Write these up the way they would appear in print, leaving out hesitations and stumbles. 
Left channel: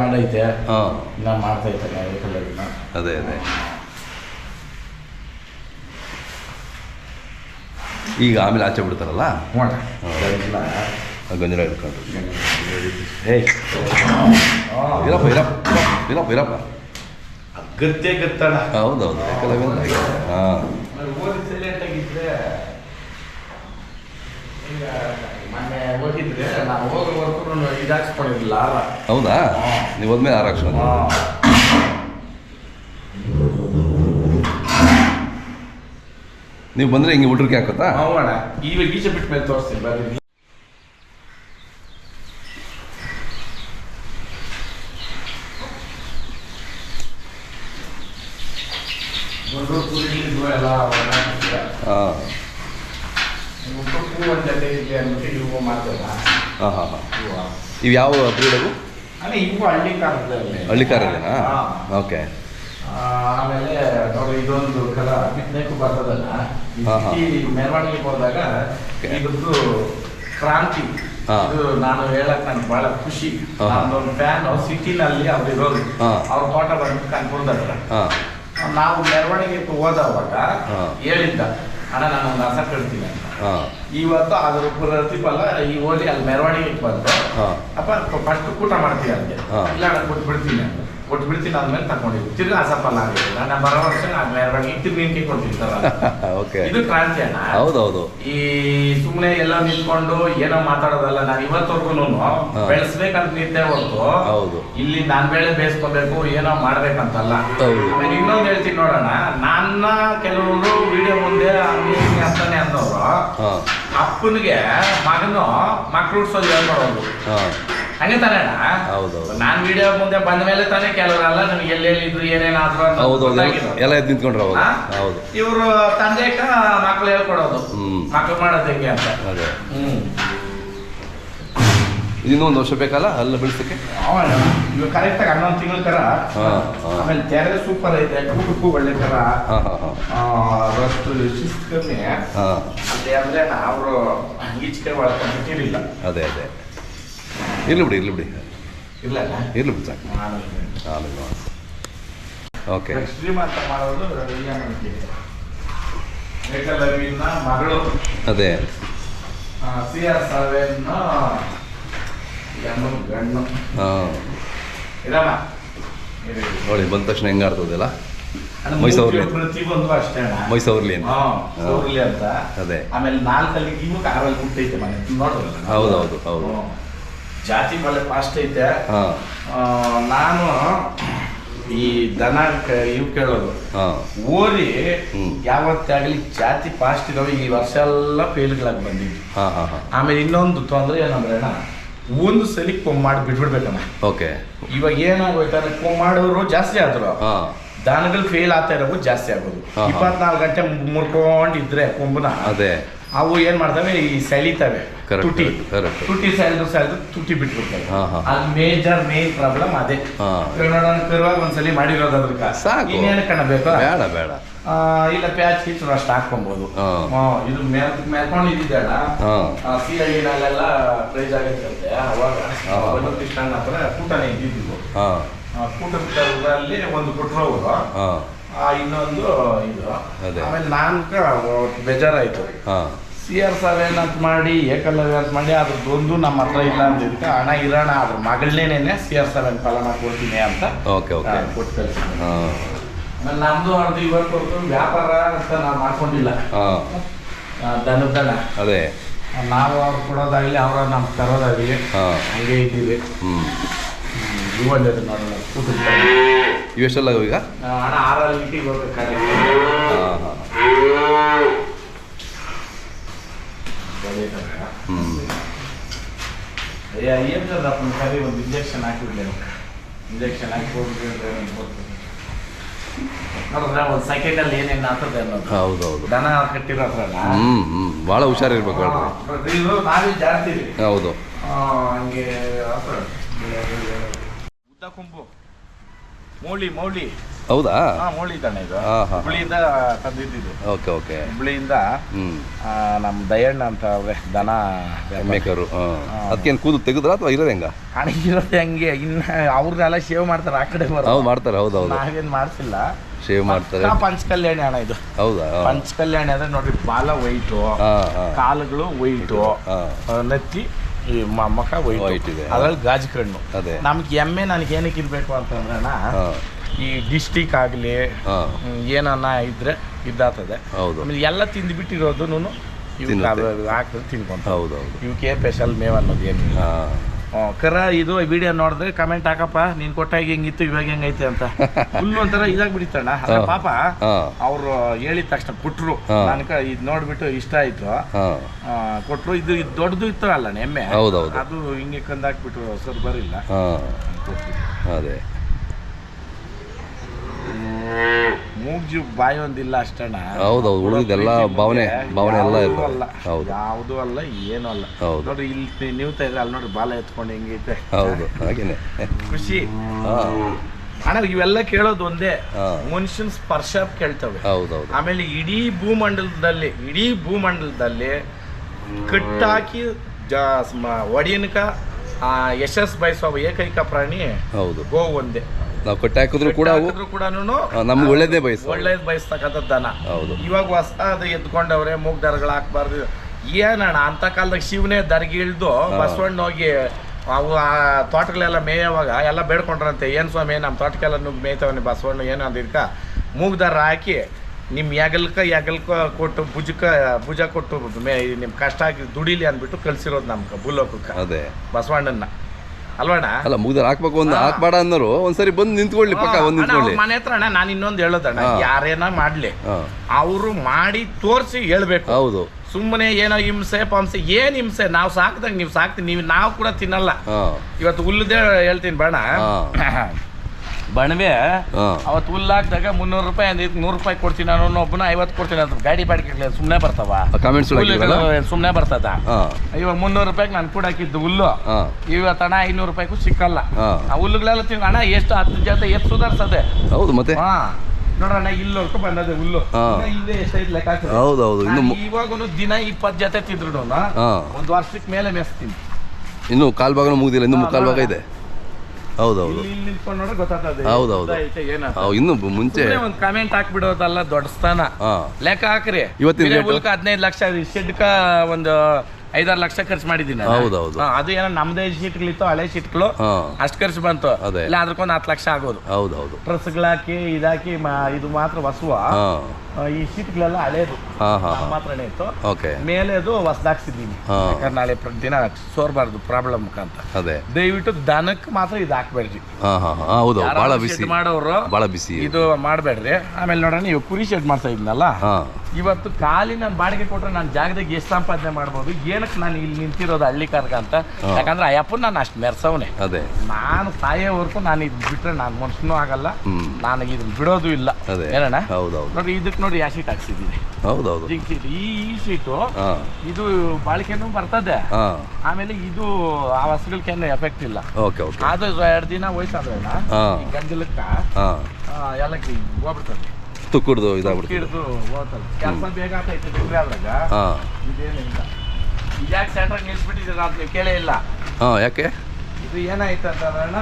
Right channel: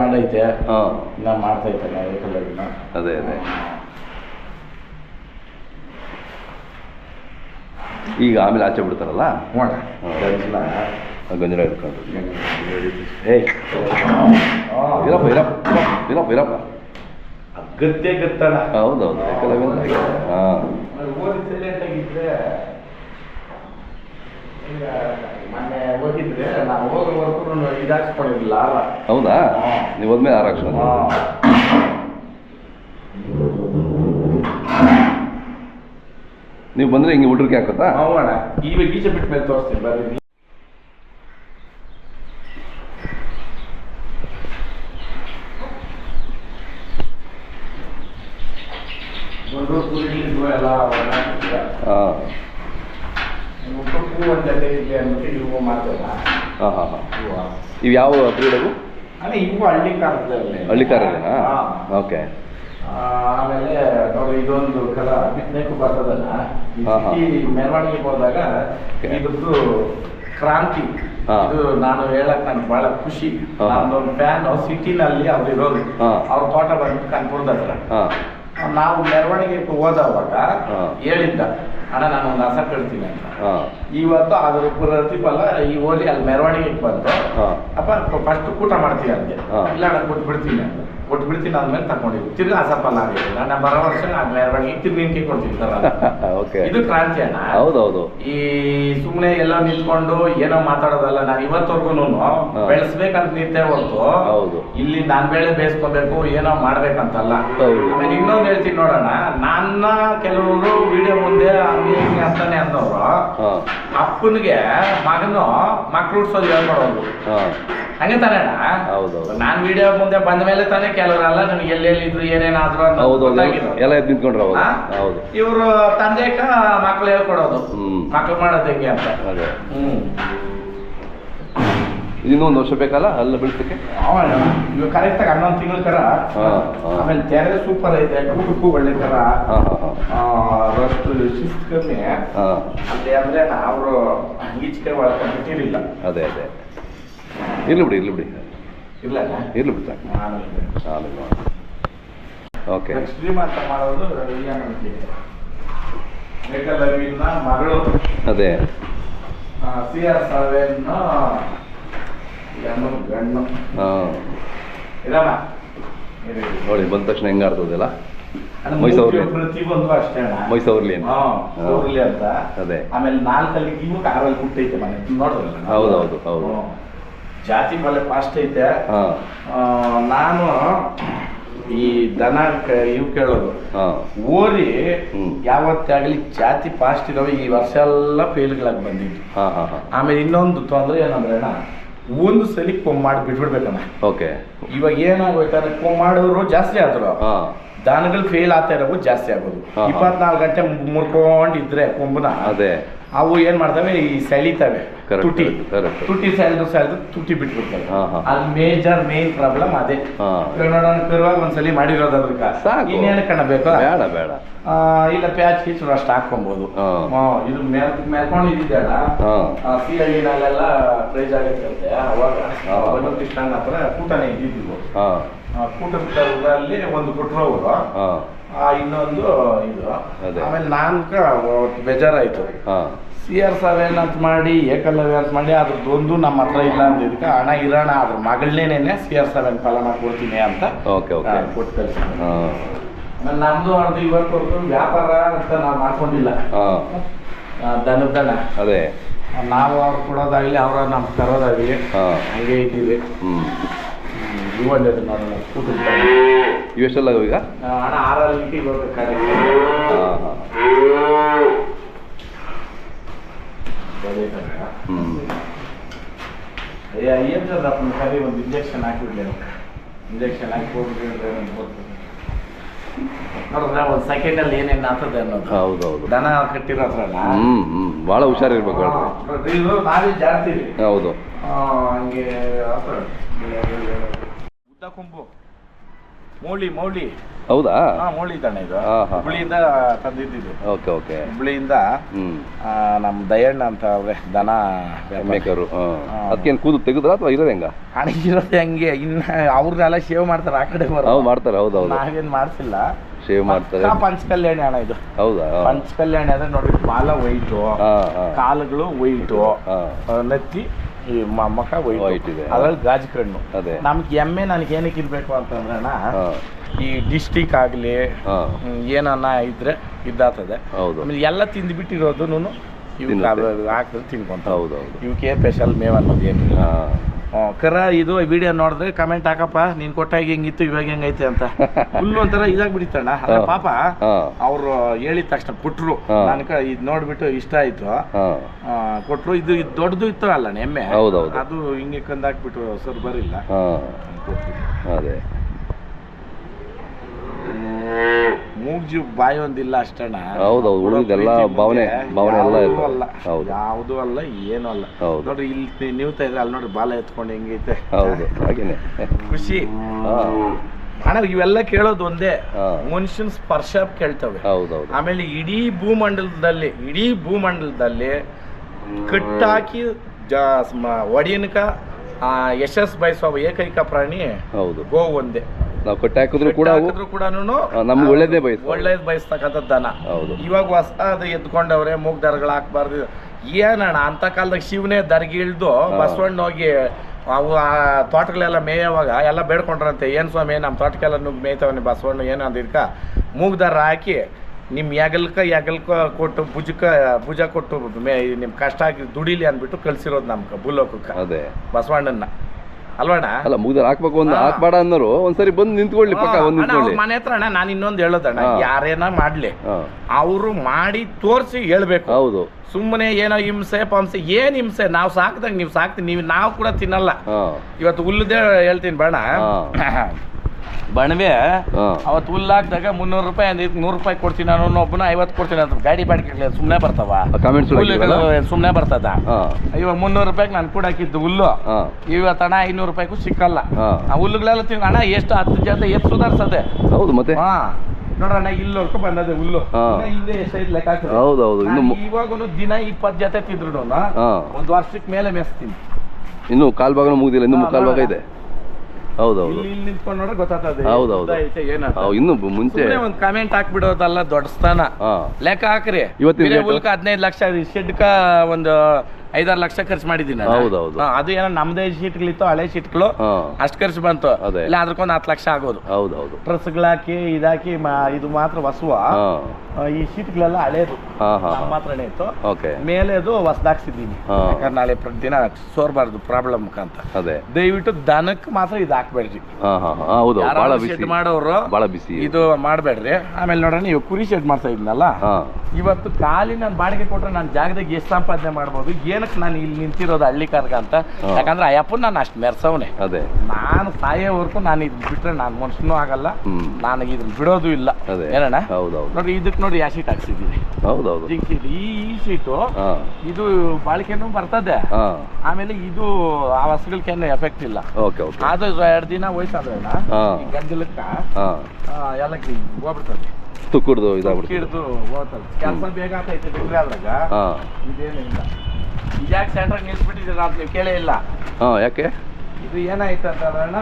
ಮಾಡೈತೆ. ಹಾಂ, ಇನ್ನು ಮಾಡ್ತೈತೆ ಏಕಲವ್ಯನ. ಅದೇ ಅದೇ. ಈಗ ಆಮೇಲೆ ಆಚೆ ಬಿಡ್ತಾರಲ್ಲ ಗಂಜಲ ಇಟ್ಕೊಂಡು. ಏಯ್ ಇರಪ್ಪ ಇರಪ್ಪ ಇರಪ್ಪ ಇರಪ್ಪ. ಗದ್ದೆ ಗತ್ತಣ. ಹೌದೌದು ಏಕಲವ್ಯ. ಹಾಂ, ಓದಿ ಸೈಲೆಂಟಾಗಿದ್ದರೆ ಈಗ ಮೊನ್ನೆ ಹೋಗಿದ್ರೆ ನಾನು ಹೋಗೋವರೆಗೂ ಇದಾಕ್ಸ್ಕೊಂಡಿರಲಿಲ್ಲ. ಹೌದಾ? ನೀವು ಹೋದ್ಮೇಲೆ 6 ಅಕ್ಷರ. ನೀವು ಬಂದರೆ ಹಿಂಗೆ ಹುಡ್ರಿಗೆ ಹಾಕೋತಾ? ಅಣ್ಣ ಇವಾಗ ಈಚೆ ಬಿಟ್ಟ ಮೇಲೆ ತೋರಿಸ್ತೀನಿ ಬರ್ರಿ. ಎಲ್ಲ ಹಾಂ, ಹೂ ಒಂದು ಜೊತೆ ಇದೆ ಅಂದ್ಬಿಟ್ಟು ಇವು ಮಾಡ್ತೇವೆ. ಹಾಂ ಹಾಂ ಹಾಂ. ಇವು ಯಾವ ಬ್ರೀಡವು? ಅದೇ ಇವು ಹಳ್ಳಿ ಕಾಲದಲ್ಲಿ. ಹಳ್ಳಿ ಕಾರಲ್ಲೇನಾ? ಓಕೆ. ಆಮೇಲೆ ನೋಡಿ ಇದೊಂದು ಕಲ ಬಿತ್ತನೆಗೂ ಬರ್ತದಲ್ಲ. ಈ ಮೆರವಣಿಗೆಗೆ ಹೋದಾಗ ಇದ್ರದ್ದು ಕ್ರಾಂತಿ ಇದು ನಾನು ಹೇಳಕ್ ನನ್ಗೆ ಬಹಳ ಖುಷಿ. ನಾನೊಂದು ಫ್ಯಾನ್ ಸಿಟಿನಲ್ಲಿ ಅವ್ರು ಇರೋದು. ಅವ್ರ ತೋಟ ಬಂದು ಕನ್ಪುರದ ಹತ್ರ ನಾವು ಮೆರವಣಿಗೆಗೆ ಹೋದವಾಗ ಹೇಳಿದ್ದ, ಅಣ್ಣ ನಾನು ಒಂದು ಹಸ ಕಟ್ತೀನಿ ಅಂತ. ಇವತ್ತು ಅದ್ರ ಪ್ರತಿಫಲ ಈ ಹೋಗಿ ಅಲ್ಲಿ ಮೆರವಣಿಗೆಗೆ ಬಂದು ಅಪ್ಪ ಫಸ್ಟ್ ಊಟ ಮಾಡ್ತೀವಿ ಅಂತೆ. ಇಲ್ಲ ನಾನು ಕೊಟ್ಬಿಡ್ತೀನಿ ಅಂತ. ಕೊಟ್ಬಿಡ್ತೀನಿ ಆದ್ಮೇಲೆ ತಗೊಂಡಿದ್ವಿ. ತಿರ್ಗಿ ಹಸ ಫಲ ಆಗಿಲ್ಲ. ನಾನು ಬರೋ ವರ್ಷ ನಾನು ಮೆರವಣಿಗೆ ತಿರ್ಗಿ ಕೊಡ್ತಿರ್ತಾರ. ಇದು ಕ್ರಾಂತಿ ಅಣ್ಣ. ಹೌದೌದು. ಈ ಸುಮ್ಮನೆ ಎಲ್ಲ ನಿಂತ್ಕೊಂಡು ಏನೋ ಮಾತಾಡೋದಲ್ಲ. ನಾನು ಇವತ್ತವರೆಗೂ ಬೆಳೆಸ್ಬೇಕಂತ ನಿಂತೆ ಹೊರತು ಇಲ್ಲಿ ನಾನ್ ಬೇಳೆ ಬೇಯಿಸ್ಕೋಬೇಕು ಏನೋ ಮಾಡ್ಬೇಕಂತಲ್ಲ. ಆಮೇಲೆ ಇನ್ನೊಂದು ಹೇಳ್ತೀನಿ ನೋಡೋಣ, ನನ್ನ ಕೆಲವರು ವಿಡಿಯೋ ಮುಂದೆ ಹಂಗೆ ಹಿಂಗೆ ಅಂತಾನೆ ಅಂದವ್ರು ಅಪ್ಪನಿಗೆ ಮಗನು ಮಕ್ಳು ಹುಡ್ಸೋದು ಹೇಳ್ಕೊಡೋದು. ಹಂಗೆ ತಾನೇ ಅಣ್ಣ. ನಾನ್ ವಿಡಿಯೋ ಮುಂದೆ ಬಂದ ಮೇಲೆ ತಾನೇ ಕೆಲವರೆಲ್ಲ ನನಗೆ ಎಲ್ಲೆಲ್ಲಿದ್ರು ಏನೇನಾದ್ರು ಎಲ್ಲ ನಿಂತ್ಕೊಂಡ್ರು. ಇವರು ತಂದೆಕ ಮಕ್ಳು ಹೇಳ್ಕೊಡೋದು, ಮಕ್ಳು ಮಾಡೋದು ಹೆಂಗೆ ಅಂತ. ಇನ್ನೊಂದು ವರ್ಷ ಬೇಕಲ್ಲ ಅಲ್ಲ ಬೆಳೆಸಕ್ಕೆ. ಇವಾಗ ಕರೆಕ್ಟಾಗಿ 11 ತಿಂಗಳ ಕರ. ಆಮೇಲೆ ತೆರೆ ಸೂಪರ್ ಐತೆ, ಊಟಕ್ಕೂ ಒಳ್ಳೆ ಕರ. ಶಿಸ್ತು ಕಮ್ಮಿ ಅಲ್ಲಿ ಅಂದ್ರೆ ಅವರು ಈಚೆ ಒಳಗೆ ಬಿಟ್ಟಿರಲಿಲ್ಲ. ಅದೇ ಅದೇ. ಇರ್ಲಿ ಬಿಡಿ ಇರ್ಲಿ ಬಿಡಿ ಇಲ್ಲ ಇರ್ಲಿ ಬಿಡಿ ಸಾಕು. ಆಮೇಲೆ ಓಕೆ. ಶ್ರೀಮಂತ ಮಾಡೋದು ಏಕಲವ್ಯನ ಮಗಳು. ಅದೇ CR7 ಗಣ್ಣು. ಇದಮ್ಮ ನೋಡಿ ಬಂದ ತಕ್ಷಣ ಹೆಂಗ ಆಡ್ತದಲ್ಲ. ಮೈಸೂರು ಪ್ರತಿಯೊಂದು ಅಷ್ಟೇ ಮೈಸೂರ್ಲಿ ಸೌರ್ಲಿ ಅಂತ. ಅದೇ. ಆಮೇಲೆ 4 ಇವು ಕಾರಲ್ಲಿ ಕುಟ್ಟೈತೆ ಮನೆ ನೋಡಿದ್ರಲ್ಲ. ಹೌದೌದು ಹೌದು. ಜಾತಿ ಮಳೆ ಫಾಸ್ಟ್ ಐತೆ. ನಾನು ಈ ದನ ಇವು ಕೇಳೋದು ಓರಿ ಯಾವತ್ತಾಗಲಿ ಜಾತಿ ಫಾಸ್ಟ್ ಇದಾವೆ. ಈ ವರ್ಷ ಎಲ್ಲ ಫೇಲ್ಗಳಾಗಿ ಬಂದಿದ್ವಿ. ಆಮೇಲೆ ಇನ್ನೊಂದು ತೊಂದರೆ ಏನಂದ್ರೆ ಅಣ್ಣ, ಒಂದು ಸಲ ಮಾಡಿ ಬಿಟ್ಬಿಡ್ಬೇಕಣ್ಣ. ಓಕೆ. ಇವಾಗ ಏನಾಗೋಯ್ತಾರೆ, ಮಾಡೋರು ಜಾಸ್ತಿ ಆದ್ರು ದನಗಳು ಫೇಲ್ ಆಗ್ತಾ ಇರೋವು ಜಾಸ್ತಿ ಆಗೋದು. 24 ಗಂಟೆ ಮುರ್ಕೊಂಡಿದ್ರೆ ಕೊಂಬನ ಅದೇ ಅವು ಏನ್ ಮಾಡ್ತವೆ, ಈ ಸೆಳಿತವೆ. ತುಟಿ ಸೆಳೆದು ತುಟಿ ಬಿಟ್ಬಿಡ್ತವೆ. ಅಲ್ಲಿ ಮೇನ್ ಪ್ರಾಬ್ಲಮ್ ಅದೇ. ನೋಡೋಣ ಕರುವಾಗ ಒಂದ್ಸಲಿ ಮಾಡಿರೋದು ಅದಕ್ಕೆ ಇನ್ನೇನು ಕಾಣಬೇಕು. ಬೇಡ ಬೇಡ ಇಲ್ಲ ಪ್ಯಾಚ್ ಕಿಚ್ಚು ಅಷ್ಟು ಹಾಕ್ಕೊಬೋದು. ಇದು ಮೇಲ್ಕೊಂಡಿದ್ದೆ ಅಣ್ಣ. CIDನಲ್ಲೆಲ್ಲ ಪ್ರೈಸ್ ಆಗೈತೆ ಅವಾಗ ಕೃಷ್ಣನ ಹತ್ರ ಕೂಟನೇ ಇದ್ದಿದ್ವು. ಕೂಟದಲ್ಲಿ ಒಂದು ಕೊಟ್ಟರು ಇನ್ನೊಂದು ಇದು. ಆಮೇಲೆ ನಾನು ಬೇಜಾರಾಯ್ತು. CR7 ಅಂತ ಮಾಡಿ ಏಕಲವ್ಯ ಅಂತ ಮಾಡಿ ಅದ್ರದ್ದೊಂದು ನಮ್ಮ ಹತ್ರ ಇಲ್ಲ ಅಂದಿದ್ದಕ್ಕೆ ಹಣ ಇರೋಣ ಅದ್ರ ಮಗಳನ್ನೇನೆ CR7 ಫಲ ಮಾಡ್ಕೊಡ್ತೀನಿ ಅಂತ ಕೊಟ್ಟು ಕಳಿಸ್ತೀನಿ. ಆಮೇಲೆ ನಮ್ದು ಅದು ಇವತ್ತು ವ್ಯಾಪಾರ ಅಂತ ನಾವು ಮಾಡ್ಕೊಂಡಿಲ್ಲ. ದನ ಅದೇ ನಾವು ಅವ್ರು ಕೊಡೋದಾಗ್ಲಿ ಅವ್ರ ನಮ್ಗೆ ತರೋದಾಗ್ಲಿ ಹಂಗೆ ಇದ್ದೀವಿ. ಇವಂದಿದೆ ನೋಡೋಣ ಊಟದ ಇವೆಷ್ಟೆಲ್ಲ ಈಗ ಹಣ 6 ಗಂಟೆಗೆ ಹೋಗ್ಬೇಕಾದ್ರೆ ಏನ್ ಸರ್ ಕರಿ ಒಂದು ಇಂಜೆಕ್ಷನ್ ಹಾಕಿಬಿಡ್ಲಿ. ಇಂಜೆಕ್ಷನ್ ಹಾಕಿ ಹೋಗ್ಬಿಟ್ಟು ನೋಡಿದ್ರೆ ಒಂದು ಸೆಕೆಂಡಲ್ಲಿ ಏನೇನು ಆಗ್ತದೆ ಅನ್ನೋದು. ಹೌದೌದು. ದನ ಕಟ್ಟಿರೋದ್ರಲ್ಲ ಭಾಳ ಹುಷಾರಿರ್ಬೇಕು. ಇದು ನಾವೇ ಜಾಡ್ತೀವಿ. ಹೌದು ಹಂಗೆ ಉದ್ದ ಕೊಂಬು ಮೌಳಿ ಹೌದಾ? ಮೌಳಿ ದನ ಇದು. ಹುಬ್ಳಿಯಿಂದ ತಂದಿದ್ದು. Okay okay. ಹುಬ್ಳಿಯಿಂದ ನಮ್ಮ ದಯಣ್ಣ ಅಂತ ಅವ್ರೆ ದನ ಮೇಕರು. ಅದಕ್ಕೇನು ಕೂದು ತೆಗೆದ್ರ ಅಥವಾ ಇರೋದು ಹೆಂಗ? ಇರೋದು ಹಂಗೆ. ಇನ್ನು ಅವ್ರನ್ನೆಲ್ಲ ಶೇವ್ ಮಾಡ್ತಾರೆ ಆ ಕಡೆ. ಹೌದು ಮಾಡ್ತಾರೆ. ಹೌದು ನಾವೇನ್ ಮಾಡ್ಸಿಲ್ಲ, ಶೇವ್ ಮಾಡ್ತಾರೆ. ಪಂಚಕಲ್ಯಾಣಿ ಅಣ್ಣ ಇದು. ಹೌದಾ? ಪಂಚಕಲ್ಯಾಣಿ ಅಂದ್ರೆ ನೋಡ್ರಿ, ಬಾಲ ವೈಟು, ಕಾಲುಗಳು ವೈಟು, ನೆತ್ತಿ ಈ ಮುಖ ವೈಟ್ ಇದೆ, ಅದ್ರಲ್ಲಿ ಗಾಜು ಕಣ್ಣು. ನಮ್ಗೆ ಎಮ್ಮೆ ನನಗೆ ಏನಕ್ಕೆ ಇರ್ಬೇಕು ಅಂತಂದ್ರೆ ಅಣ್ಣ, ಈ ಡಿಸ್ಟಿಕ್ ಆಗಲಿ ಏನನ್ನ ಇದ್ರೆ ಇದಾಗ್ತದೆ. ಆಮೇಲೆ ಎಲ್ಲ ತಿಂದ್ಬಿಟ್ಟಿರೋದು ಹಾಕಿದ್ರೆ ತಿನ್ಕೊಂತ. ಇವಕ್ಕೆ ಸ್ಪೆಷಲ್ ಮೇವ್ ಅನ್ನೋದು ಏನಿಲ್ಲ. ಕರ ಇದು ವಿಡಿಯೋ ನೋಡಿದ್ರೆ ಕಮೆಂಟ್ ಹಾಕಪ್ಪ, ನೀನ್ ಕೊಟ್ಟಾಗ ಹೆಂಗಿತ್ತು ಇವಾಗ ಹೆಂಗೈತೆ ಅಂತ. ಹುಲ್ಲು ಒಂಥರ ಇದಾಗ್ಬಿಡಿತಣ್ಣ. ಅದ್ರ ಪಾಪ ಅವ್ರು ಹೇಳಿದ ತಕ್ಷಣ ಕೊಟ್ರು. ನನ್ಕ ಇದು ನೋಡ್ಬಿಟ್ಟು ಇಷ್ಟ ಆಯ್ತು, ಕೊಟ್ರು. ಇದು ದೊಡ್ಡದು ಇತ್ತು ಅಲ್ಲ ಎಮ್ಮೆ, ಅದು ಹಿಂಗೆ ಕಂದಾಕ್ಬಿಟ್ರು, ಸರ್ ಬರಿಲ್ಲ. ಅದೇ ಮೂಗ್ಜು ಬಾಯಿ ಒಂದಿಲ್ಲ ಅಷ್ಟಣ್ಣ. ಹೌದೌದು, ಉಳಿದೆಲ್ಲ ಭಾವನೆ ಎಲ್ಲ ಅಲ್ಲ, ಯಾವುದು ಅಲ್ಲ, ಏನು ಅಲ್ಲ. ನೋಡ್ರಿ ಇಲ್ಲಿ ನೀವು ಇದ್ರೆ ಅಲ್ಲಿ ನೋಡ್ರಿ ಬಾಲ ಎತ್ಕೊಂಡು ಹೆಂಗೈತೆ. ಹೌದು, ಹಾಗೇನೆ ಖುಷಿ ಅಣ್ಣ. ಇವೆಲ್ಲ ಕೇಳೋದು ಒಂದೇ, ಮನುಷ್ಯನ ಸ್ಪರ್ಶ ಕೇಳ್ತವೆ. ಆಮೇಲೆ ಇಡೀ ಭೂಮಂಡಲದಲ್ಲಿ ಕಟ್ಟಾಕಿ ಒಡಿಯನ್ಕ ಯಶಸ್ ಬಯಸುವ ಏಕೈಕ ಪ್ರಾಣಿ ಗೋವು ಒಂದೇ. ನಾವು ಕಟ್ಟಿ ಹಾಕಿದ್ರು ಕೂಡ ನಮ್ಗೆ ಒಳ್ಳೇದೇ ಬಯಸ್ತಕ್ಕಂಥ ದನ. ಇವಾಗ ಹೊಸ ಅದು ಎದ್ಕೊಂಡವ್ರೆ, ಮೂಗ್ದಾರಗಳು ಹಾಕ್ಬಾರ್ದು ಏನಣ್ಣ. ಅಂತ ಕಾಲದಾಗ ಶಿವನೇ ದರ್ಗಿಳ್ದು ಬಸವಣ್ಣ ಹೋಗಿ ಅವು ಆ ತೋಟಗಳೆಲ್ಲ ಮೇಯವಾಗ ಎಲ್ಲ ಬೇಡ್ಕೊಂಡ್ರಂತೆ, ಏನು ಸ್ವಾಮಿ ನಮ್ಮ ತೋಟಕ್ಕೆಲ್ಲ ನುಗ್ಗಿ ಮೇಯ್ತವನಿ ಬಸವಣ್ಣ ಏನು ಅಂದಿದ್ಕ ಮೂಗ್ದಾರ ಹಾಕಿ ನಿಮ್ಮ ಯಾಗಲ್ಕ ಕೊಟ್ಟು ಭುಜ ಕೊಟ್ಟು ನಿಮ್ಮ ಕಷ್ಟ ಆಗಿ ದುಡಿಲಿ ಅಂದ್ಬಿಟ್ಟು ಕಳ್ಸಿರೋದು ನಮ್ಗೆ ಭೂಲೋಕಕ್ಕೆ ಬಸವಣ್ಣನ ಅಲ್ವಣ್ಣ. ಅಲ್ಲ ಮುಗ್ದಾರ ಹಾಕ್ಬೇಕು ಒಂದು ಹಾಕ್ಬೇಡ ಅನ್ನೋರು ಒಂದ್ಸರಿ ಬಂದು ನಿಂತ್ಕೊಳ್ಳಿ ಪಕ್ಕ ನಿಂತ್ಕೊಳ್ಳಿ. ಮನೆ ಹತ್ರ ಅಣ್ಣ ನಾನು ಇನ್ನೊಂದು ಹೇಳೋದಣ್ಣ, ಯಾರೇನ ಮಾಡ್ಲಿ ಅವರು ಮಾಡಿ ತೋರಿಸಿ ಹೇಳ್ಬೇಕು. ಹೌದು, ಸುಮ್ಮನೆ ಏನೋ ಹಿಂಸೆ ಪಂಸೆ ಏನ್ ಹಿಂಸೆ. ನಾವು ಸಾಕ್ದಂಗ ನೀವು ಸಾಕ್ತೀನಿ, ನಾವು ಕೂಡ ತಿನ್ನಲ್ಲ. ಇವತ್ತು ಹುಲ್ಲುದೇ ಹೇಳ್ತೀನಿ ಬಣ್ಣ. ಬಣವೆ ಅವತ್ತು ಹುಲ್ಲು ಹಾಕಿದಾಗ 300 ರೂಪಾಯಿ ಅಂದಿದ್ದು 100 ರೂಪಾಯಿ ಕೊಡ್ತೀನಿ, ನಾನು ಒಬ್ಬನ 50 ಕೊಡ್ತೀನಿ ಅಂತ ಗಾಡಿ ಬಾಡಿಗೆ ಸುಮ್ಮನೆ ಬರ್ತಾವ, ಸುಮ್ಮನೆ ಬರ್ತದ. ಇವಾಗ 300 ರೂಪಾಯಿಗೆ ನಾನು ಕೂಡ ಹಾಕಿದ್ದು ಹುಲ್ಲು ಇವತ್ತು ಅಣ್ಣ 500 ರೂಪಾಯಿಗೂ ಸಿಕ್ಕಲ್ಲ. ಆ ಹುಲ್ಲುಗಳೆಲ್ಲ ತಿಂಗ ಅಣ್ಣ ಎಷ್ಟು 10 ಜೊತೆ ಎಷ್ಟು ಸುಧಾರಿಸದೆ. ಹೌದು, ಮತ್ತೆ ನೋಡ್ರಣ್ಣ ಇಲ್ಲವರ್ಕು ಬಂದದೆ ಹುಲ್ಲು. ಹಿಂದೆ ಎಷ್ಟೈದು ಲೆಕ್ಕ ಹಾಕಿದ್ರೆ ಇವಾಗೂ ದಿನ 20 ಜೊತೆ ತಿಂದ್ರು ಒಂದು ವರ್ಷಕ್ಕೆ ಮೇಲೆ ಮೇಸ್ತೀನಿ. ಇನ್ನು ಕಾಲ್ ಭಾಗನೂ ಮುಗಿದಿಲ್ಲ, ಇನ್ನು ಮುಕ್ಕಾಲ್ ಭಾಗ ಇದೆ. ಹೌದೌದು, ಇನ್ನು ಮುಂಚೆ ಒಂದು ಕಮೆಂಟ್ ಹಾಕ್ಬಿಡೋದಲ್ಲ, ದೊಡ್ಡ ಸ್ಥಾನ ಲೆಕ್ಕ ಹಾಕ್ರಿ. ಇವತ್ತಿನ 15 ಲಕ್ಷ ಶೆಡ್ಕ ಒಂದು 5-6 ಲಕ್ಷ ಖರ್ಚು ಮಾಡಿದ್ದೀನಿ. ಅದು ಏನೋ ನಮ್ದೇ ಶೀಟ್ಗಳಿತ್ತು, ಹಳೆ ಶೀಟ್ಗಳು, ಅಷ್ಟು ಖರ್ಚು ಬಂತು. ಇಲ್ಲ ಅದಕ್ಕೊಂದು 10 ಲಕ್ಷ ಆಗೋದು. ಡ್ರೆಸ್ಗಳಾಕಿ ಇದಾಕಿ ಇದು ಮಾತ್ರ ಹೊಸುವ. ಈ ಶೀಟ್ಗಳೆಲ್ಲ ಹಳೇದು ಮಾತ್ರನೇ ಇತ್ತು, ಮೇಲೆ ಅದು ಹೊಸದಾಕ್ಸಿದ್ದೀನಿ. ಯಾಕಂದ್ರೆ ನಾಳೆ ದಿನ ಸೋರ್ಬಾರ್ದು ಪ್ರಾಬ್ಲಮ್ ಅಂತ. ದಯವಿಟ್ಟು ದನಕ್ಕೆ ಮಾತ್ರ ಇದು ಹಾಕ್ಬೇಡ್ರಿ. ಶೆಡ್ ಮಾಡೋರು ಇದು ಮಾಡ್ಬೇಡ್ರಿ. ಆಮೇಲೆ ನೋಡೋಣ, ಇವಾಗ ಕುರಿ ಶೆಡ್ ಮಾಡ್ತಾ ಇದ್ನಲ್ಲ, ಇವತ್ತು ಖಾಲಿ ನಾನು ಬಾಡಿಗೆ ಕೊಟ್ರೆ ನಾನು ಜಾಗದಾಗ ಎಷ್ಟು ಸಂಪಾದನೆ ಮಾಡ್ಬೋದು, ಏನಕ್ಕೆ ನಾನು ಇಲ್ಲಿ ನಿಂತಿರೋದು ಹಳ್ಳಿ ಕಾರ್ಗ ಅಂತ. ಯಾಕಂದ್ರೆ ಅಯ್ಯಪ್ಪನ ನಾನು ಅಷ್ಟು ಮೆರ್ಸವನೆ. ನಾನು ಸಾಯೋವರೆಗೂ ನಾನು ಇದು ಬಿಟ್ರೆ ನಾನು ಮನುಷ್ಯನೂ ಆಗಲ್ಲ, ನಾನು ಇದನ್ನ ಬಿಡೋದು ಇಲ್ಲ. ಏನಣ್ಣ ನೋಡ್ರಿ, ಇದಕ್ಕೆ ನೋಡಿ ಯಾವ ಶೀಟ್ ಹಾಕ್ಸಿದ್ದೀನಿ. ಈ ಶೀಟು ಇದು ಬಾಳಿಕೆನೂ ಬರ್ತದೆ. ಆಮೇಲೆ ಇದು ಆ ಹಸುಗಳಕ್ಕೇನು ಎಫೆಕ್ಟ್ ಇಲ್ಲ. ಅದು 2 ದಿನ ಹೋಯ್ತಾದ್ರೆ ಗಂಜಲಕ್ಕ ಎಲ್ಲ ಹೋಗ್ಬಿಡ್ತದೆ, ತುಕ್ಕುಡ್ದು ಕೆಲಸ ಬೇಗ ಆಗ್ತೈತೆ ಬಿಟ್ರೆ ಅದ್ರಾಗ ಇದೇನಿಲ್ಲ. ಇದ್ಯಾಕೆ ಸೆಂಟ್ರಾಗ ನಿಲ್ಸ್ಬಿಟ್ಟಿದ್ದೀರ ಅಂತ ನೀವು ಕೇಳೇ ಇಲ್ಲ. ಯಾಕೆ? ಇದು ಏನಾಯ್ತು ಅಂತಂದ್ರೆ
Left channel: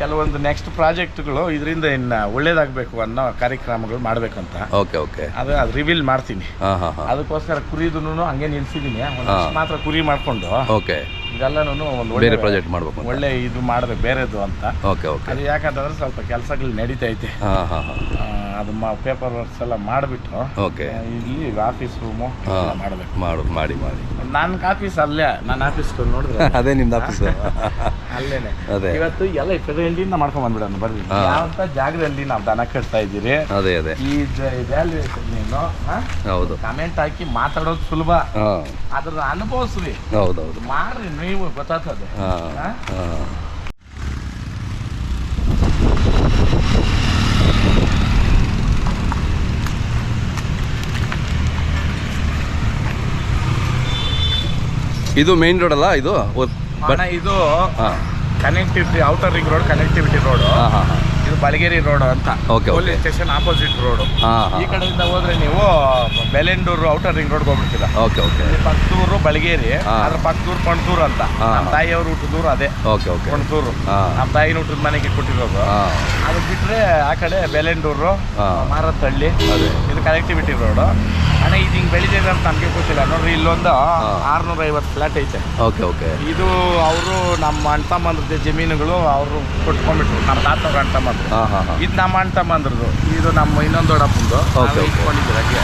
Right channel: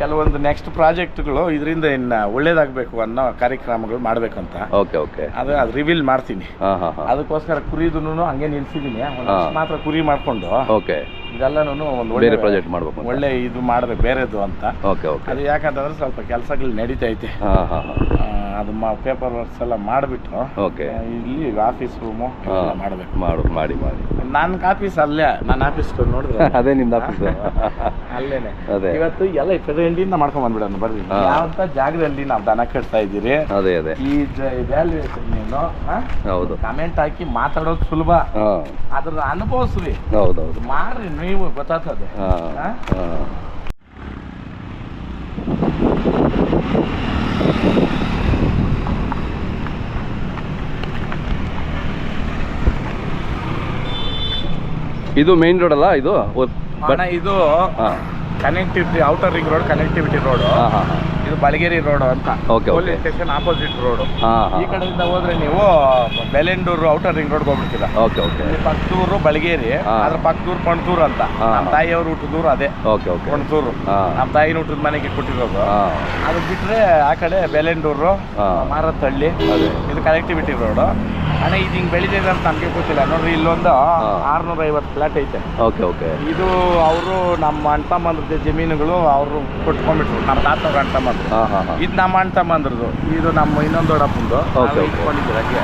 ಕೆಲವೊಂದು ನೆಕ್ಸ್ಟ್ ಪ್ರಾಜೆಕ್ಟ್ಗಳು ಇದರಿಂದ ಇನ್ನು ಒಳ್ಳೇದಾಗಬೇಕು ಅನ್ನೋ ಕಾರ್ಯಕ್ರಮಗಳು ಮಾಡ್ಬೇಕಂತ. ಅದು ರಿವೀಲ್ ಮಾಡ್ತೀನಿ. ಅದಕ್ಕೋಸ್ಕರ ಕುರಿದೂ ಹಂಗೆ ನಿಲ್ಸಿದ್ದೀನಿ. ಮಾತ್ರ ಕುರಿ ಮಾಡ್ಕೊಂಡು ಇದೆಲ್ಲನೂ ಒಂದು ಒಳ್ಳೆ ಪ್ರಾಜೆಕ್ಟ್ ಮಾಡ್ಬೇಕು, ಒಳ್ಳೆ ಇದು ಮಾಡ್ಬೇಕು ಬೇರೆದು ಅಂತ. ಅದು ಯಾಕಂತಂದ್ರೆ ಸ್ವಲ್ಪ ಕೆಲಸಗಳು ನಡೀತೈತೆ. ಅದು ಪೇಪರ್ ವರ್ಕ್ಸ್ ಎಲ್ಲ ಮಾಡಿಬಿಟ್ಟು ಇಲ್ಲಿ ಆಫೀಸ್ ರೂಮು ಮಾಡಬೇಕು. ಮಾಡಿ ನನ್ನ ಆಫೀಸ್ ಅಲ್ಲೇ, ನನ್ನ ಆಫೀಸ್ ನೋಡಿದ್ರೆ ಅದೇ ನಿಮ್ದು ಆಫೀಸ್ ಅಲ್ಲೇನೆ. ಇವತ್ತು ಎಲ್ಲ ಫೆಡೆಂಡಿಂದ ಮಾಡ್ಕೊಂಡ್ ಬಂದ್ಬಿಡೋಣ ಬರ್ರಿ. ಯಾವಂತ ಜಾಗದಲ್ಲಿ ನಾವು ದನ ಕಟ್ತಾ ಇದ್ದೀರಿ, ಈ ವ್ಯಾಲ್ಯೂಯೇಷನ್ ನೀನು ಕಮೆಂಟ್ ಹಾಕಿ ಮಾತಾಡೋದು ಸುಲಭ, ಅದ್ರ ಅನುಭವಿಸ್ರಿ, ಮಾಡ್ರಿ, ನೀವು ಗೊತ್ತಾಗ್ತದೆ. ಇದು ಮೇನ್ ರೋಡ್ ಅಲ್ಲ ಇದು? ಇದು connectivity, outer ring road, connectivity road. ಇದು ಬಳಗೇರಿ ರೋಡು ಅಂತ, okay police station opposite road. ಈ ಕಡೆಯಿಂದ ಹೋದ್ರೆ ನೀವು ಬೆಲೆಂಡೂರು ಔಟರ್ ರಿಂಗ್ ರೋಡ್ಗೆ ಹೋಗ್ಬಿಡ್ತೀರಾ. Okay okay. ಇಲ್ಲಿ ಪಕ್ಕದೂರು ಬಳಗೇರಿ, ಅದ್ರ ಪಕ್ಕದೂರು ಪಣತೂರು ಅಂತ. ನಮ್ಮ ತಾಯಿಯವ್ರ ಊಟದೂರು ಅದೇ. Okay okay. ಪಣತೂರು ನಮ್ಮ ತಾಯಿನ ಊಟದ ಮನೆಗೆ ಕೊಟ್ಟಿರೋದು. ಅದು ಬಿಟ್ಟರೆ ಆ ಕಡೆ ಬೆಲೆಂಡೂರು, ಮಾರತ್ತಹಳ್ಳಿ, ಇದು ಕನೆಕ್ಟಿವಿಟಿ ರೋಡು. ಅಣ್ಣ ಇದು ಹಿಂಗೆ ಬೆಳಿತಿದೆ ಅಂತ ನಮಗೆ ಗೊತ್ತಿಲ್ಲ. ನೋಡ್ರಿ ಇಲ್ಲೊಂದು 650 ಫ್ಲಾಟ್ ಐತೆ. Okay okay. ಇದು ಅವರು ನಮ್ಮ ಅಣ್ಣ ತಮ್ಮಂದ್ರದ್ದು ಜಮೀನುಗಳು ಅವರು ಕೊಟ್ಕೊಂಡ್ಬಿಟ್ರು, ನಮ್ಮ ತಾತವ್ರ ಅಣ್ಣ ತಮ್ಮಂದ್ರು. ಇದು ನಮ್ಮ ಅಣ್ಣ ತಮ್ಮಂದ್ರದ್ದು, ಇದು ನಮ್ಮ ಇನ್ನೊಂದು ದೊಡ್ಡಪ್ಪಂದು. ಇಟ್ಕೊಂಡಿದ್ದೀವಿ ಹಾಗೆ.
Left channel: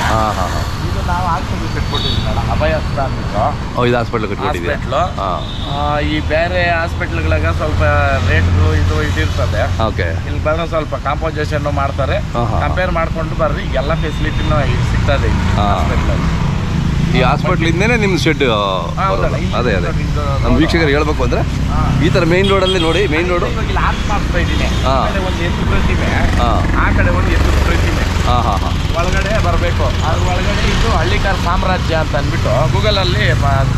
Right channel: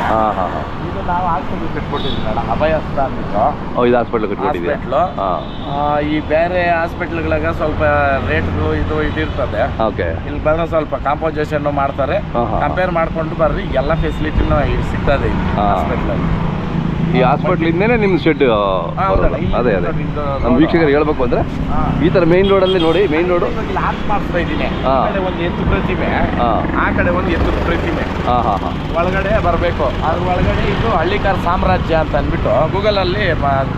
ಇದು ನಾವು ಹಾಸ್ಪಿಟ್ಲ್ ಕಟ್ಕೊಟ್ಟಿದ್ದೀವಿ ಮೇಡಮ್, ಅಭಯಸ್ಥ ಅಂದ್ಬಿಟ್ಟು. ಇದು ಹಾಸ್ಪಿಟ್ಲು. ಈ ಬೇರೆ ಹಾಸ್ಪಿಟ್ಲ್ಗಳಾಗ ಸ್ವಲ್ಪ ರೇಟ್ಗಳು ಇದು ಇದಿರ್ತದೆ. ಓಕೆ. ಇಲ್ಲಿ ಬಂದ್ರೆ ಸ್ವಲ್ಪ ಕಾಂಪೋಸಿಷನ್ ಮಾಡ್ತಾರೆ. ಕಂಪೇರ್ ಮಾಡ್ಕೊಂಡು ಬರ್ರಿ, ಎಲ್ಲ ಫೆಸಿಲಿಟಿನೂ ಸಿಗ್ತದೆ ಇಲ್ಲಿ ಹಾಸ್ಪಿಟ್ಲಲ್ಲಿ. ಈ ಹಾಸ್ಪಿಟ್ಲಿಂದನೇ ನಿಮ್ಮ ಶೆಡ್. ಅದೇ ಅದೇ ನಮ್ಮ ವೀಕ್ಷಕರು ಹೇಳ್ಬೇಕು ಅಂದರೆ ಈ ಥರ ಮೇನ್ ರೋಡಲ್ಲಿ ನೋಡಿ, ಮೇನ್ ರೋಡು ಇಲ್ಲಿ ಆರ್ಟ್ ಮಾಡ್ತಾ ಇದ್ದೀನಿ. ಒಂದು ಎತ್ತು ಪ್ರತಿಮೆ, ಆ ಕಡೆ ಒಂದು ಎತ್ತು ಪ್ರತಿಮೆ. ಒಳಗಡೆ ಬರಬೇಕು. ಅದ್ರ ಒಳಗಡೆ ಇದು ಹಳ್ಳಿಕಾರ ಸಾಮ್ರಾಜ್ಯ ಅಂತ ಅಂದ್ಬಿಟ್ಟು ಗೂಗಲಲ್ಲಿ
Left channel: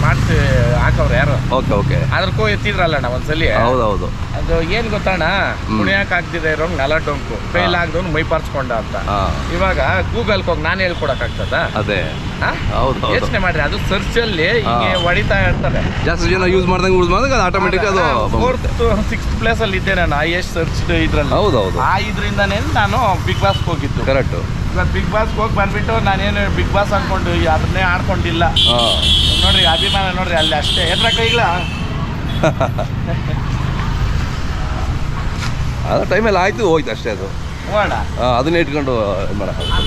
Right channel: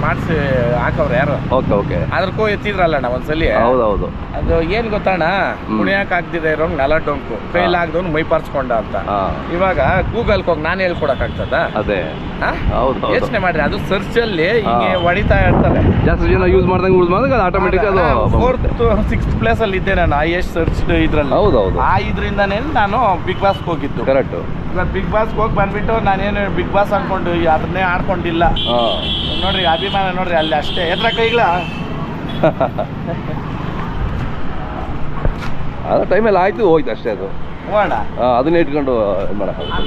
ಮಾಡಿಸಿ ಹಾಕವ್ರು ಯಾರು. Okay okay. ಅದ್ರಕ್ಕೂ ಎತ್ತಿದ್ರಲ್ಲ ನಾವು ಒಂದ್ಸಲಿ. ಹೌದೌದು. ಅದು ಏನು ಗೊತ್ತಣ್ಣ, ಕುಣಿಯಕ್ಕೆ ಆಗ್ದಿದೆ ಇರೋಂಗೆ ನೆಲ ಡೊಂಕು, ಫೇಲ್ ಆಗ್ದವ್ನು ಮೈ ಪಾರ್ಸ್ಕೊಂಡ ಅಂತ. ಇವಾಗ ಗೂಗಲ್ಗೆ ಹೋಗಿ ನಾನು ಹೇಳ್ಕೊಡಕ್ಕಾಗ್ತದ? ಅದೇ. ಯೋಚನೆ ಮಾಡ್ರಿ, ಅದು ಸರ್ಚ್ ಅಲ್ಲಿ ಹಿಂಗೆ ಹೊಡಿತಾ ಇರ್ತಾರೆ. ಜಾಸ್ತಿ ಜನ ಯೂಸ್ ಮಾಡ್ದಂಗೆ ಅದು ಆಟೋಮೆಟಿಕ್ ಅದು 4th 6th ಪ್ಲೇಸ್ ಅಲ್ಲಿ ಇದ್ದೆ ನಾನು ಹೈಯೆಸ್ಟ್ ಸರ್ಚ್ ಇದ್ರಲ್ಲಿ. ಹೌದೌದು. ಆ ಇದರಿಂದನೇ ನಾನು ಬಿಗ್ ಬಾಸ್ಗೆ ಹೋಗಿದ್ದು. ಕರೆಕ್ಟ್. ಇವತ್ತು ಬಿಗ್ ಬಾಸ್ಗೆ ಹೋಗಿ ಬಂದ್ಬಿಟ್ಟು ನಾನೇನು ಬಿಗ್ ಬಾಸ್ ಅನ್ಕೊಂಡು ಅದನ್ನೇ ಆಡ್ಕೊಂಡಿಲ್ಲ. ನೋಡ್ರಿ ಅಭಿಮಾನ ನೋಡ್ರಿ ಅಲ್ಲಿ ಅಷ್ಟೇ. ಎದ್ರ ಕೈಗಳ ಅದು ಟೈಮಲ್ಲಿ ಆಯ್ತು, ಹೋಯ್ತು ಅಷ್ಟೇ. ಅದು ಹೋಗೋಣ, ಅದನ್ನ ಇಟ್ಕೊಂಡು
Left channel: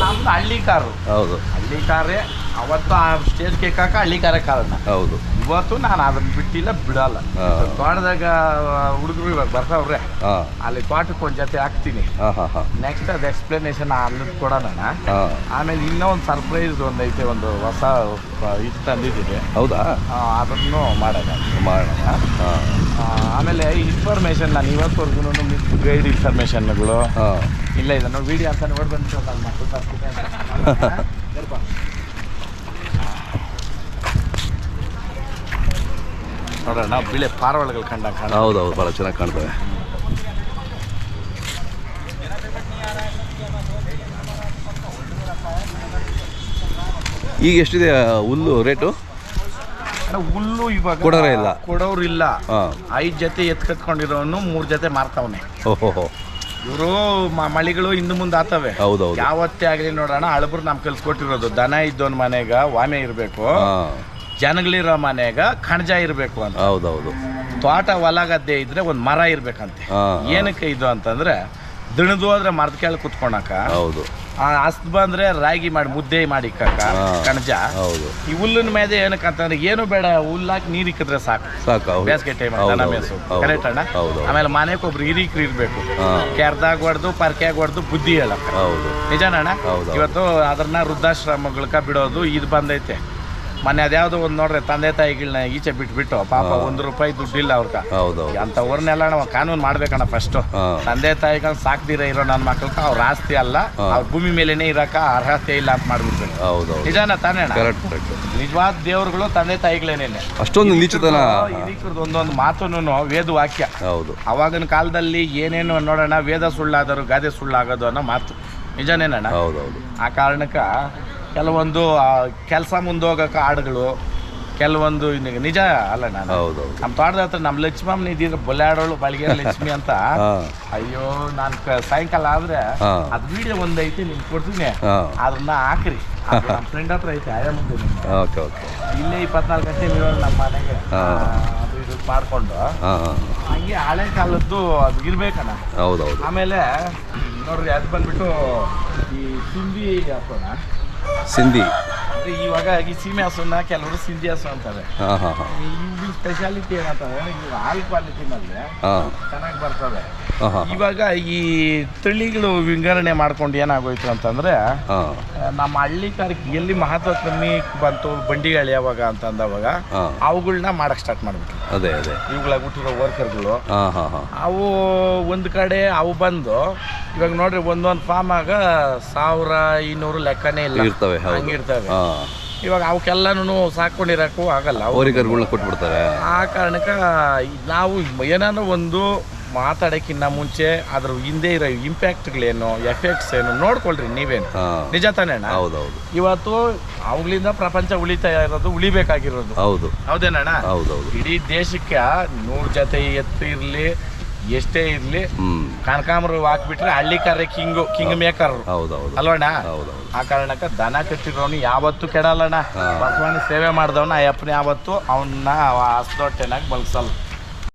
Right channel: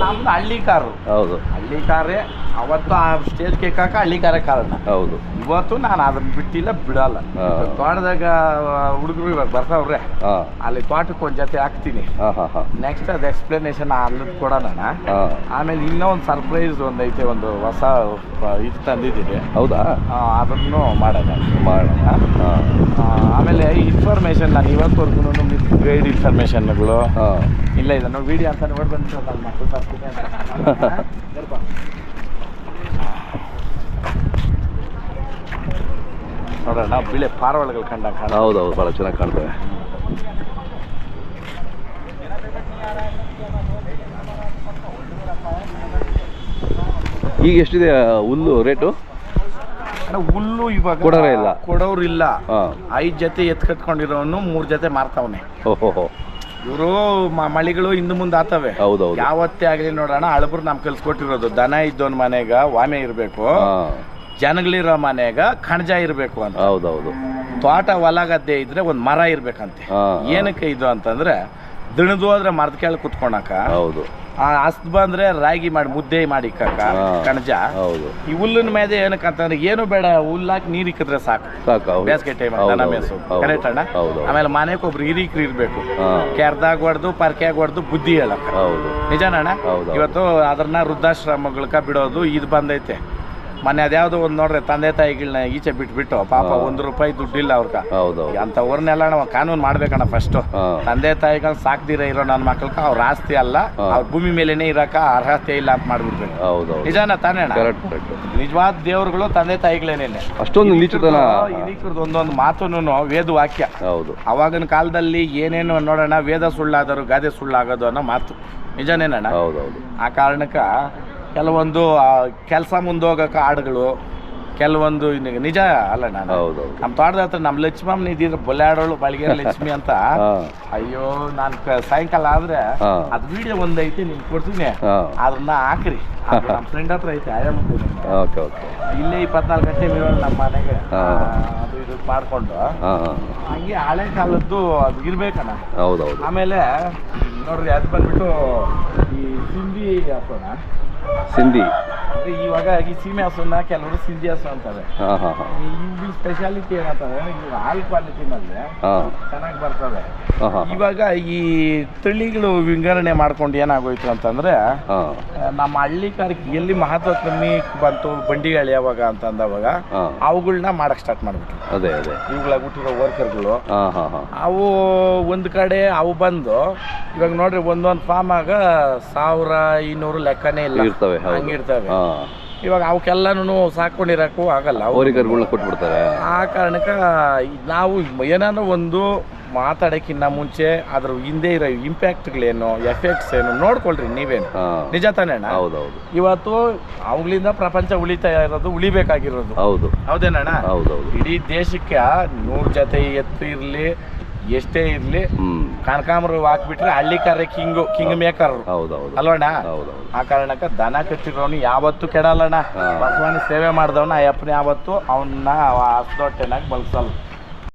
ನಮ್ದು ಹಳ್ಳಿ ಕಾರು. ಹೌದು, ಹಳ್ಳಿ ಕಾರೇ. ಅವತ್ತು ಆ ಸ್ಟೇಜ್ ಕೇಕಾಕ ಹಳ್ಳಿ ಕಾರೇ ಕಾರಣ. ಹೌದು. ಇವತ್ತು ನಾನು ಅದನ್ನ ಬಿಟ್ಟಿಲ್ಲ, ಬಿಡಲ್ಲ. ತೋಟದಾಗ ಹುಡುಗರು ಇವಾಗ ಬರ್ತಾವ್ರೆ, ಅಲ್ಲಿ ತೋಟಕ್ಕೆ ಒಂದು ಜೊತೆ ಹಾಕ್ತೀನಿ. ನೆಕ್ಸ್ಟ್ ಅದು ಎಕ್ಸ್ಪ್ಲನೇಷನ್ ಅಲ್ಲದ್ ಕೊಡೋಣ. ಆಮೇಲೆ ಇನ್ನೂ ಒಂದು ಸರ್ಪ್ರೈಸ್ ಒಂದೈತೆ, ಒಂದು ಹೊಸ ಇದು ತಂದಿದ್ದೀನಿ. ಹೌದಾ? ಅದನ್ನು ಮಾಡೋಣ. ಆಮೇಲೆ ಇನ್ಫಾರ್ಮೇಶನ್ ನಾನು ಇವತ್ತವರೆಗೂ ಗೈಡ್ ಇನ್ಫಾರ್ಮೇಶನ್ಗಳು ಇಲ್ಲ. ಇದನ್ನು ವಿಡಿಯೋ ಅಂತ ನೋಡಿ ಬಂದು ನಾನು ಮಕ್ಕಳು ತರ್ತೀನಿ ಅಂತ ನೋಡೋಣ. ಬಿಳೆ ಪಾರವಾಳಗಳು ಕಂಡಂಗೆ ಕಾಣ. ಹೌದೌದು, ಭಾಳ ಚೆನ್ನಾಗಿ ಕಾಣ್ತವೆ. ಈಗ ಎಷ್ಟಿದೆ ಹುಲ್ಲು ರೇಟು? ಹುಲ್ಲು ಇವಾಗ ಕೊಡೋರೇ ಇಲ್ಲ, ಕೊಡೋರು ಇಲ್ಲ. 5 ಜೊತೆ ಎತ್ಕತ್ಕೊಂಡಿರೋನು 3 ಜೊತೆ ಮಾರ್ತಾವನೆ. ಓಹೋ. ಇವರು ಮಳಿಗಳು ಹಿಂದೆ ಮುಂದೆ ಆತವೆ. ಹೌದೌದು. ಯಾವತ್ತೇ ಆಗಲಿ ನೋಡೋಣ, ಹಳಬ್ರು ನಮ್ ಕಲ್ಸ್ಕೊಟ್ಟಿರೋದು ದನ ಇದ್ದವನ್ ಮನೆಗ ವಾಮೆ ಇರಬೇಕು, ಜನಗಳಿರೋ ಮನೆಗ ಕಣಜ ಇರಬೇಕು ಅಂತ. ಹೌದೌದು. ತೋಟ ಹೊಲ ಗದ್ದೆ ಇದ್ರೆ ಒಂದು ಮರ ಇರ್ಬೇಕಂತೆ. ಏನಕ್ಕೆ ಇದು ಅಂತಂದ್ರೆ ದಣದು ಹೋದ್ರೆ ಮರದ ಕೆಳಗೆ ಕುತ್ಕೊಳಕ. ಹೌದು. ಹಸ್ತ್ ಬಂದ್ರೆ ರಾಗಿ ಮಾಡಿ ಮುದ್ದೆ ಮಾಡಿ ಕಣಜ. ಹೌದು. ಈ ಹುಲ್ಲಿನ ಮೇಲೆ ಏನಕ್ಕಂತಂದ್ರೆ ಏನು ಬೇಡ, ಹುಲ್ಲಾಕಿ ನೀರ್ ಇಕ್ಕಿದ್ರೆ ಸಾಕು. ಬೇಸಿಗೆ ಟೈಮ್ ದನ ಮೇಸು. ಕರೆಕ್ಟ್ ಅಣ್ಣ. ಆಮೇಲೆ ಮನೆಗೆ ಒಬ್ರು ಹಿರೀಕ್ರು ಇರ್ಬೇಕು, ಕೆರ್ದಾಗ ಹೊಡೆದು ಪರ್ಕ್ಯಾಗ ಹೊಡೆದು ಬುದ್ಧಿ ಹೇಳಕ್ಕ. ನಿಜಾನಣ್ಣ. ಇವತ್ತು ಅದನ್ನ ವೃದ್ಧಾಶ್ರಮಗಳಕ ಬಿಡೋದು ಇದು ಬಂದೈತೆ. ಮೊನ್ನೆ ಅದ್ಯಾವುದೋ ಒಂದು ನೋಡ್ರಿ, ತಂದೆ ತಾಯಿಗಳನ್ನ ಈಚೆ ಬಿಟ್ಬಿಟ್ಟು ಪಾಪ ₹1 ದುಡ್ಡಿಲ್ಲ ಅವ್ರಕ. ಅಂತವ್ರನ್ನೆಲ್ಲ ನಾವು ಕಾನೂನು ಮಾಡ್ಬೇಕಣ್ಣ. ಫಸ್ಟ್ ತಂದೆ ತಾಯಿಗಳನ್ನ ಸಾಕ್ದಿರ ಇರೋ ನನ್ನ ಮಕ್ಕಳಕ ಅವ್ರ ಆಸ್ತಿ ಅಲ್ಲ, ಅವ್ರ ಭೂಮಿ ಮೇಲೇನೆ ಇರಕ ಅರ್ಹತೆ ಇಲ್ಲ ಅಂತ ಮಾಡ್ಬಿಡ್ಬೇಕು. ನಿಜಾನ ತಾನೇ ಅಣ್ಣ? ನಿಜವಾದ ದೇವ್ರುಗಳು ತಂದೆ ತಾಯಿಗಳೇನೇನೆ. ಅಷ್ಟೊಂದು ಹಿರೀಕರದ್ದು ಒಂದೊಂದು ಮಾತುನು ವೇದ ವಾಕ್ಯ. ಅವಾಗಿನ ಕಾಲದಲ್ಲಿ ಏನೇನು ನೋಡೋಣ, ವೇದ ಸುಳ್ಳಾದರು ಗಾದೆ ಸುಳ್ಳಾಗೋದು ಅನ್ನೋ ಮಾತು ನಿಜನೇನಣ್ಣ. ಆ ಕಾರಣಕ್ಕ ಕೆಲವೊಂದು ಕೆಲಸ ಮುಂದೋಗಕ್ಕೆ ಹಾಡುಗಳು, ಕೆಲವೊಂದು ನಿಜ ಅಲ್ಲ. ನಾನು ನಮ್ಮ ತೋಟದ ಹತ್ರ ನಮ್ಮ ಲಕ್ಷ್ಮಮ್ಮನ ಇದ್ದಿದ್ರೆ ಬೊಲ್ಲಾಡೋಳು ಬಳಗೇರಿ ಲಕ್ಷ್ಮಿ ಅಂತ. ಅಯ್ಯೋ ನಾನು ಸಾಯಂಕಾಲ ಆದ್ರೆ ಅದು ವಿಡಿಯೋ ಒಂದೈತಿ ನಿಮ್ಗೆ ಕೊಡ್ತೀನಿ, ಅದನ್ನ ಹಾಕ್ರಿ. ನಮ್ಮ ಫ್ರೆಂಡ್ ಹತ್ರ ಐತೆ, ಇಲ್ಲೇ 24 ಗಂಟೆ ಇರೋದು ನಮ್ಮ ಮನೆಗೆ. ಅದು ಇದು ಮಾಡ್ಕೊಂಡು ಹಂಗೆ ಹಳೆ ಕಾಲದ್ದು ಅದು ಇರ್ಬೇಕಣ್ಣ. ಆಮೇಲೆ ನೋಡ್ರಿ, ಅದು ಬಂದ್ಬಿಟ್ಟು ಈ ಸಿಂಧಿ ಹಾಕೋಣ. ಸಿಂಧಿ ಅಂದ್ರೆ ಇವಾಗ ಈ ಸೀಮೆ ಹಸುನ ಕೆಲವರು ಸಿಂಧಿ ಹಸು ಅಂತಾರೆ. ಈ ಸ್ಪೆಷಾಲಿಟಿ ಏನಂತಂದ್ರೆ ಇವಾಗ ಹಾಲ್ ಕ್ವಾಲಿಟಿನಲ್ಲಿ ಚೆನ್ನಾಗಿ ಬರ್ತವೆ. ಇವಾಗ ಈ ತಳಿಗಳು ವಿಂಗಡಣೆ ಮಾಡ್ಕೊಂಡು ಏನಾಗೋಯ್ತು ಅಂತಂದ್ರೆ, ನಮ್ಮ ಹಳ್ಳಿ ಕಾರ್ಯಕ್ಕೆ ಎಲ್ಲಿ ಮಹತ್ವ ಕಮ್ಮಿ ಬಂತು ಬಂಡಿಗಳು ಯಾವಾಗ ಅಂತಂದವಾಗ ಅವುಗಳನ್ನ ಮಾಡಕ್ ಸ್ಟಾರ್ಟ್ ಮಾಡ್ಬಿಟ್ರು. ಇವುಗಳಾಗ ಹುಟ್ಟಿರೋ ವರ್ಕರ್ಗಳು ಅವು ಒಂದ್ ಕಡೆ ಅವು ಬಂದು ಇವಾಗ ನೋಡ್ರಿ ಒಂದೊಂದು ಫಾರ್ಮ್ ಆಗ 1200 ಲೆಕ್ಕನೇ ಇಲ್ಲ, ಹಂಗಿರ್ತವೆ. ಇವಾಗ ಅವಕ್ಕೆಲ್ಲನೂ ಸಾಕೊಂಡಿರಕ್ಕೂ ಆಗಲ್ಲ, ಕೊಟ್ಬಿಡ್ತಾರೆ. ಆ ಕಾರಣಕ್ಕೆ ನಾವು ಏನಾದ್ರು ಒಂದು ಮಾತಾಡೋಕ್ಕಿಂತ ಮುಂಚೆ ಅದ್ರ ಹಿಂದೆ ಇರೋ ಇಂಪ್ಯಾಕ್ಟ್ಗಳೇನು ಎಫೆಕ್ಟ್ಸ್ ಏನು ನೋಡ್ಕೊಳ್ರಿ ನೀವೇನು. ನಿಜ ತಾನೇ ಅಣ್ಣ? ಹೌದೌದು. ಇವತ್ತು ಅವುಗಳಿಂದ ಪ್ರಪಂಚ ಉಳಿತಾ ಇರೋದು, ಉಳಿಬೇಕಾಗಿರೋದು. ಹೌದು. ಹೌದೇನಣ್ಣ? ಹೌದೌದು. ಇಡೀ ದೇಶಕ್ಕೆ 100 ಜೊತೆ ಎತ್ತು ಇರಲಿ, ಎಷ್ಟೇ ಇರಲಿ, ಕನಕಾಂಬರ ಹಾಕ್ಬಿಟ್ರೆ ಹಳ್ಳಿಕಾರ್ರೆ ಕಿಂಗ್ ಮೇಕರ್. ಹೌದೌದು. ಅಲ್ವಣ್ಣ? ಹೌದೌದು. ಆ ಕಾರಣಕ್ಕೆ ದನ ಕಟ್ಟಿರೋನು ಯಾವತ್ತೂ ಕೆಡಲ್ಲಣ್ಣ. ಬಸವನ ಸೇವೆ ಮಾಡಿದವನ ಅಯ್ಯಪ್ಪನ ಯಾವತ್ತು ಅವನ್ನ ಹಸ್ದೊಟ್ಟೆನಾಗಿ ಬಲ್ಸಲ್ಲ.